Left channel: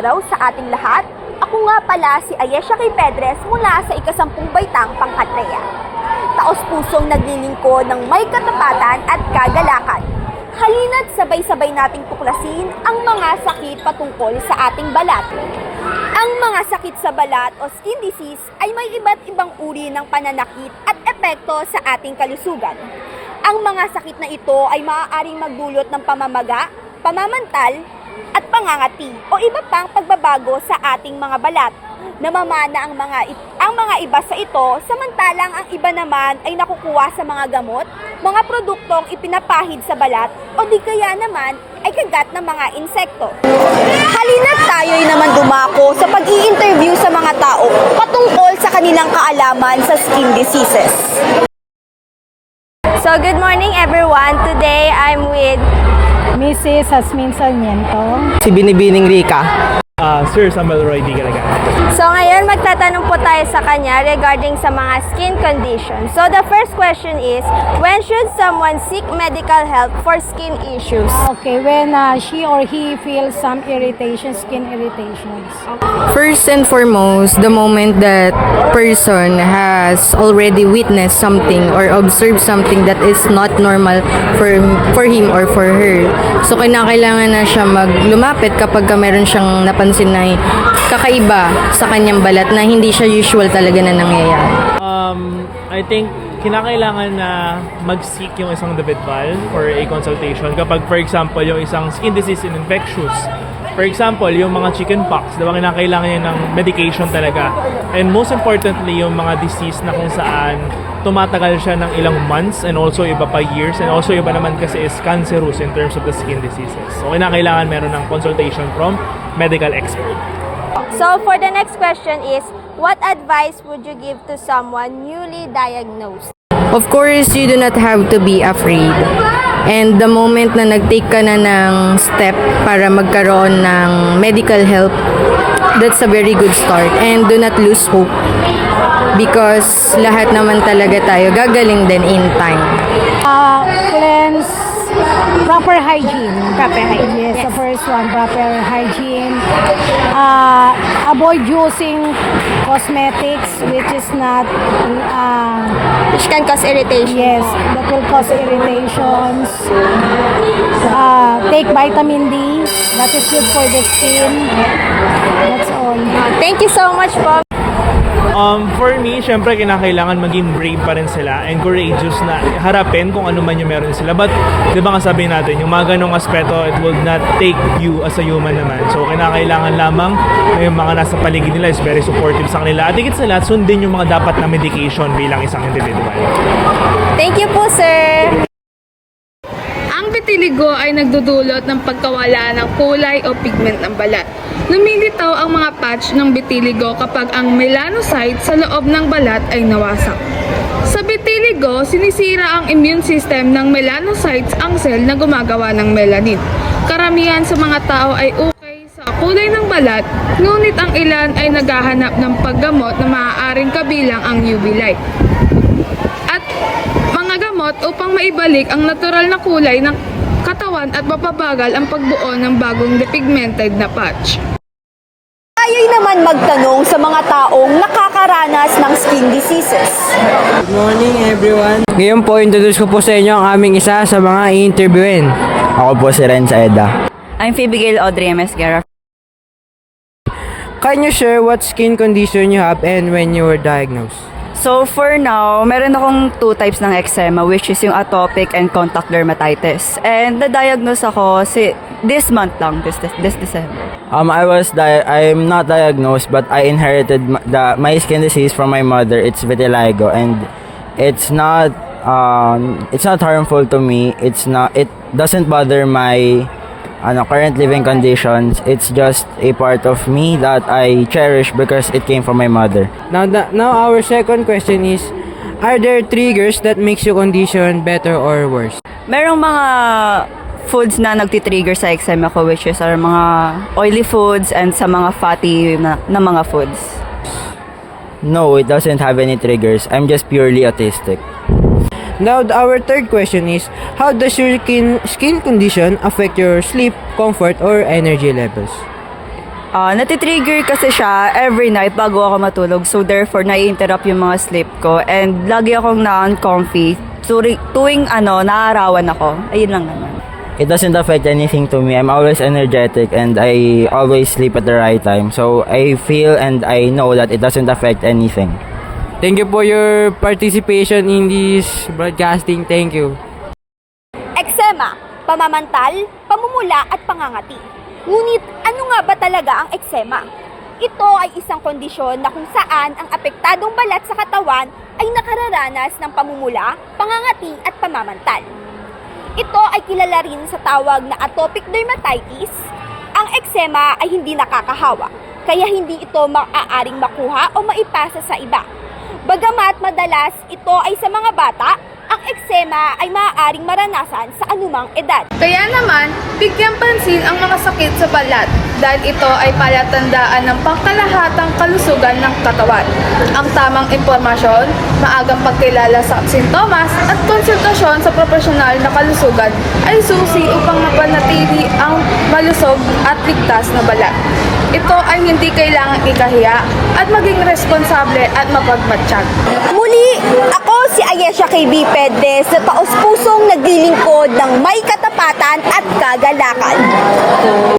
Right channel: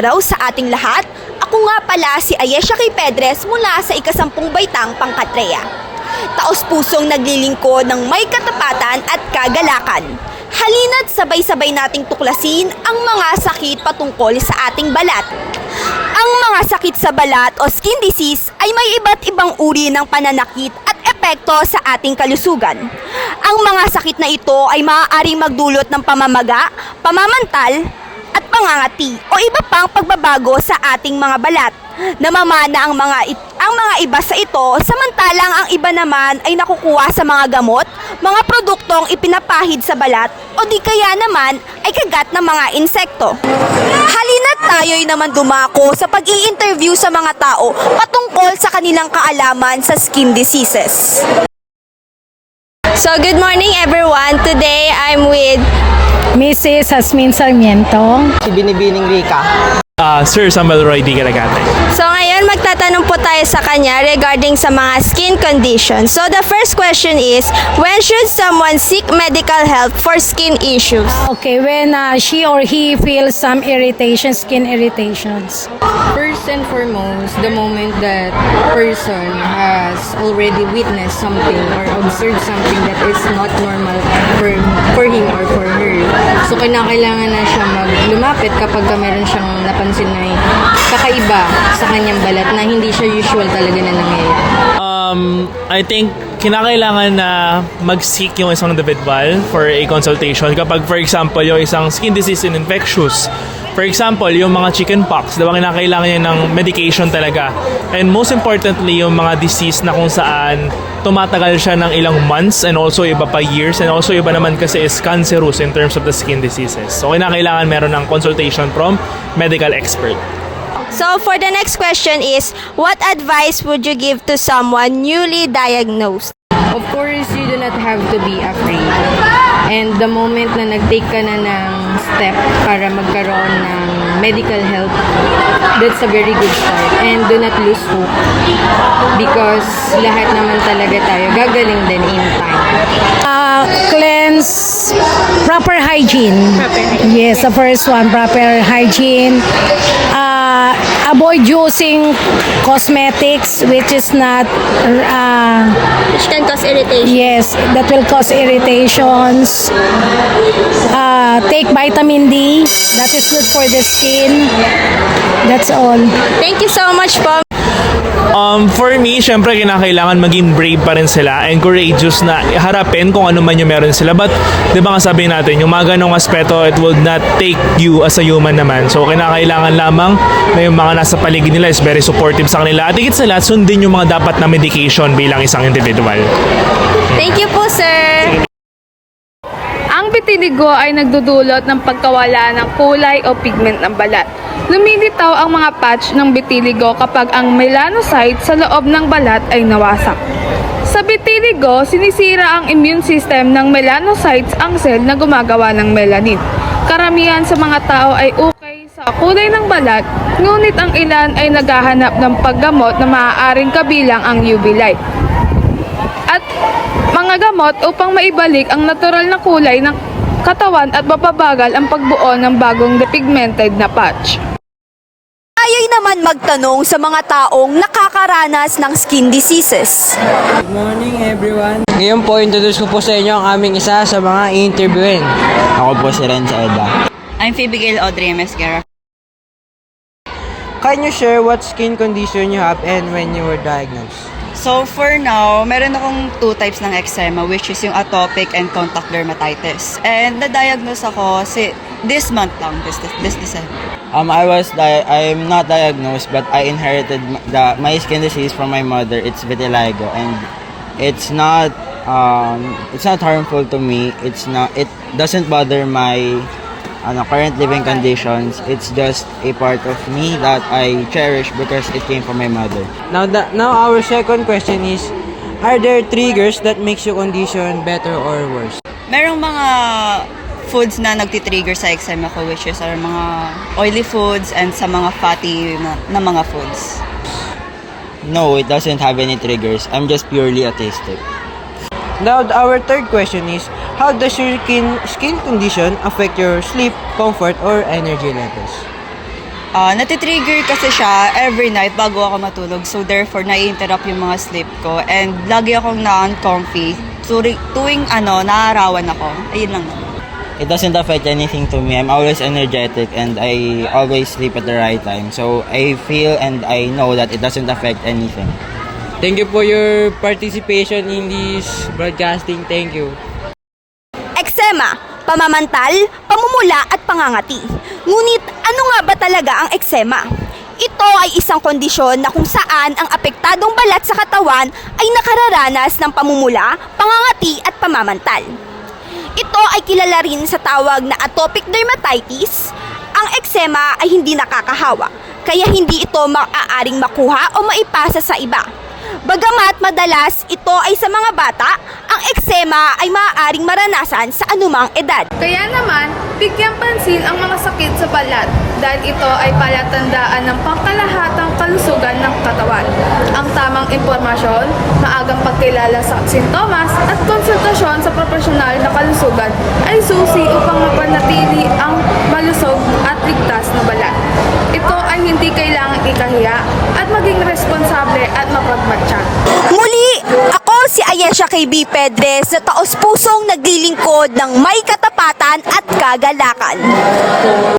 araw sa ating lahat. Ako nga pala si Ayesha K. Pedres mula sa ika-10 baitang Pangkatreya. Taos-pusong naglilingkod ng may katapatan at kagalakan. Halina't sabay-sabay nating tuklasin ang mga sakit patungkol sa ating balat. Ang mga sakit sa balat o skin disease ay may iba't ibang uri ng pananakit at epekto sa ating kalusugan. Ang mga sakit na ito ay maaaring magdulot ng pamamaga, pamamantal, at pangangati o iba pang pagbabago sa ating mga balat. Namamana ang mga iba sa ito, samantalang ang iba naman ay nakukuha sa mga gamot, mga produktong ipinapahid sa balat o di kaya naman ay kagat ng mga insekto. Halina't tayo'y naman dumako sa pag-i-interview sa mga tao patungkol sa kanilang kaalaman sa skin diseases. So good morning everyone. Today I'm with Mrs. Jasmine Sarmiento. Si Binibining Rica. Sir Samuel Roy Di Garagana. So ngayon magtatanong po tayo sa kanya regarding sa mga skin conditions. So the first question is, when should someone seek medical help for skin issues? Okay, when she or he feels some irritation, skin irritations. First and foremost, the moment that person has already witnessed something or observed something that is not normal for him or for her. So kinakailangan na siya lumapit kapag meron siyang napansin na kakaiba sa kanyang balat na hindi siya usual talaga na nangyayari. I think kinakailangan na mag-seek yung isang individual for a consultation kapag for example yung isang skin disease and infectious. For example, yung mga chickenpox, diba kinakailangan yan ng medication talaga. And most importantly, yung mga disease na kung saan tumatagal siya ng ilang months and also iba pa years and also iba naman kasi is cancerous in terms of the skin diseases. So kinakailangan meron ng consultation from medical expert. So for the next question is, what advice would you give to someone newly diagnosed? Of course, you do not have to be afraid. And the moment na nag-take ka na ng step para magkaroon ng medical help, that's a very good start. And do not lose hope. Because lahat naman talaga tayo gagaling din in time. Cleanse, proper hygiene. Yes, the first one, proper hygiene. Avoid using cosmetics which is not Which can cause irritation. yes, that will cause irritations. Take vitamin D, that is good for the skin. That's all. Thank you so much po. For me, syempre kinakailangan maging brave pa rin sila and courageous na harapin kung ano man yung meron sila. But, di ba nga sabihin natin, yung mga ganong aspeto, it will not take you as a human naman. So, kinakailangan lamang na yung mga nasa paligid nila is very supportive sa kanila. At higit sa lahat, sundin yung mga dapat na medication bilang isang individual. Thank you po, sir. Ang vitiligo ay nagdudulot ng pagkawala ng kulay o pigment ng balat. Lumilitaw ang mga patch ng vitiligo kapag ang melanocyte sa loob ng balat ay nawasak. Sa vitiligo, sinisira ang immune system ng melanocytes ang cell na gumagawa ng melanin. Karamihan sa mga tao ay okay sa kulay ng balat, ngunit ang ilan ay naghahanap ng paggamot na maaaring kabilang ang UV light at mga gamot upang maibalik ang natural na kulay ng katawan at mapabagal ang pagbuo ng bagong depigmented na patch. Tayo'y naman magtanong sa mga taong nakakaranas ng skin diseases. Good morning everyone. Ngayon po, introduce ko po sa inyo ang aming isa sa mga i-interviewin. Ako po si Ren Saeda. I'm Phoebe Audrey M. Esguerra. Can you share what skin condition you have and when you were diagnosed? So for now, meron akong 2 types ng eczema, which is yung atopic and contact dermatitis. And na-diagnose ako this month lang, this December. I'm not diagnosed, but I inherited my skin disease from my mother. It's vitiligo, and it's not harmful to me. It doesn't bother my current living conditions. It's just a part of me that I cherish because it came from my mother. Now our second question is, are there triggers that makes your condition better or worse? Merong mga foods na nagtitrigger sa eczema ko, which is are mga oily foods and sa mga fatty na mga foods. No, it doesn't have any triggers. I'm just purely autistic. Now, our third question is, how does your skin condition affect your sleep, comfort, or energy levels? Natitrigger kasi siya every night bago ako matulog. So therefore, nai-interrupt yung mga sleep ko. And lagi akong na-uncomfy. Tuwing naarawan ako. Ayun lang naman. It doesn't affect anything to me. I'm always energetic and I always sleep at the right time. So I feel and I know that it doesn't affect anything. Thank you for your participation in this broadcasting. Thank you. Eksema, pamamantal, pamumula at pangangati. Ngunit ano nga ba talaga ang eksema? Ito ay isang kondisyon na kung saan ang apektadong balat sa katawan ay nakararanas ng pamumula, pangangati at pamamantal. Ito ay kilala rin sa tawag na atopic dermatitis. Ang eksema ay hindi nakakahawa, kaya hindi ito maaaring makuha o maipasa sa iba. Bagamat madalas ito ay sa mga bata, ang eksema ay maaaring maranasan sa anumang edad. Kaya naman, bigyang pansin ang mga sakit sa balat dahil ito ay palatandaan ng pangkalahatang kalusugan ng katawan. Ang tamang impormasyon, maagang pagkilala sa sintomas at konsultasyon sa profesional na kalusugan ay susi upang mapanatili ang malusog at ligtas na balat. Ito ay hindi kailangang ikahiya at maging responsable at mapagmatsyag. Muli, ako si Ayesha KB Pedres na taos-pusong naglilingkod ng may katapatan at kagalakan.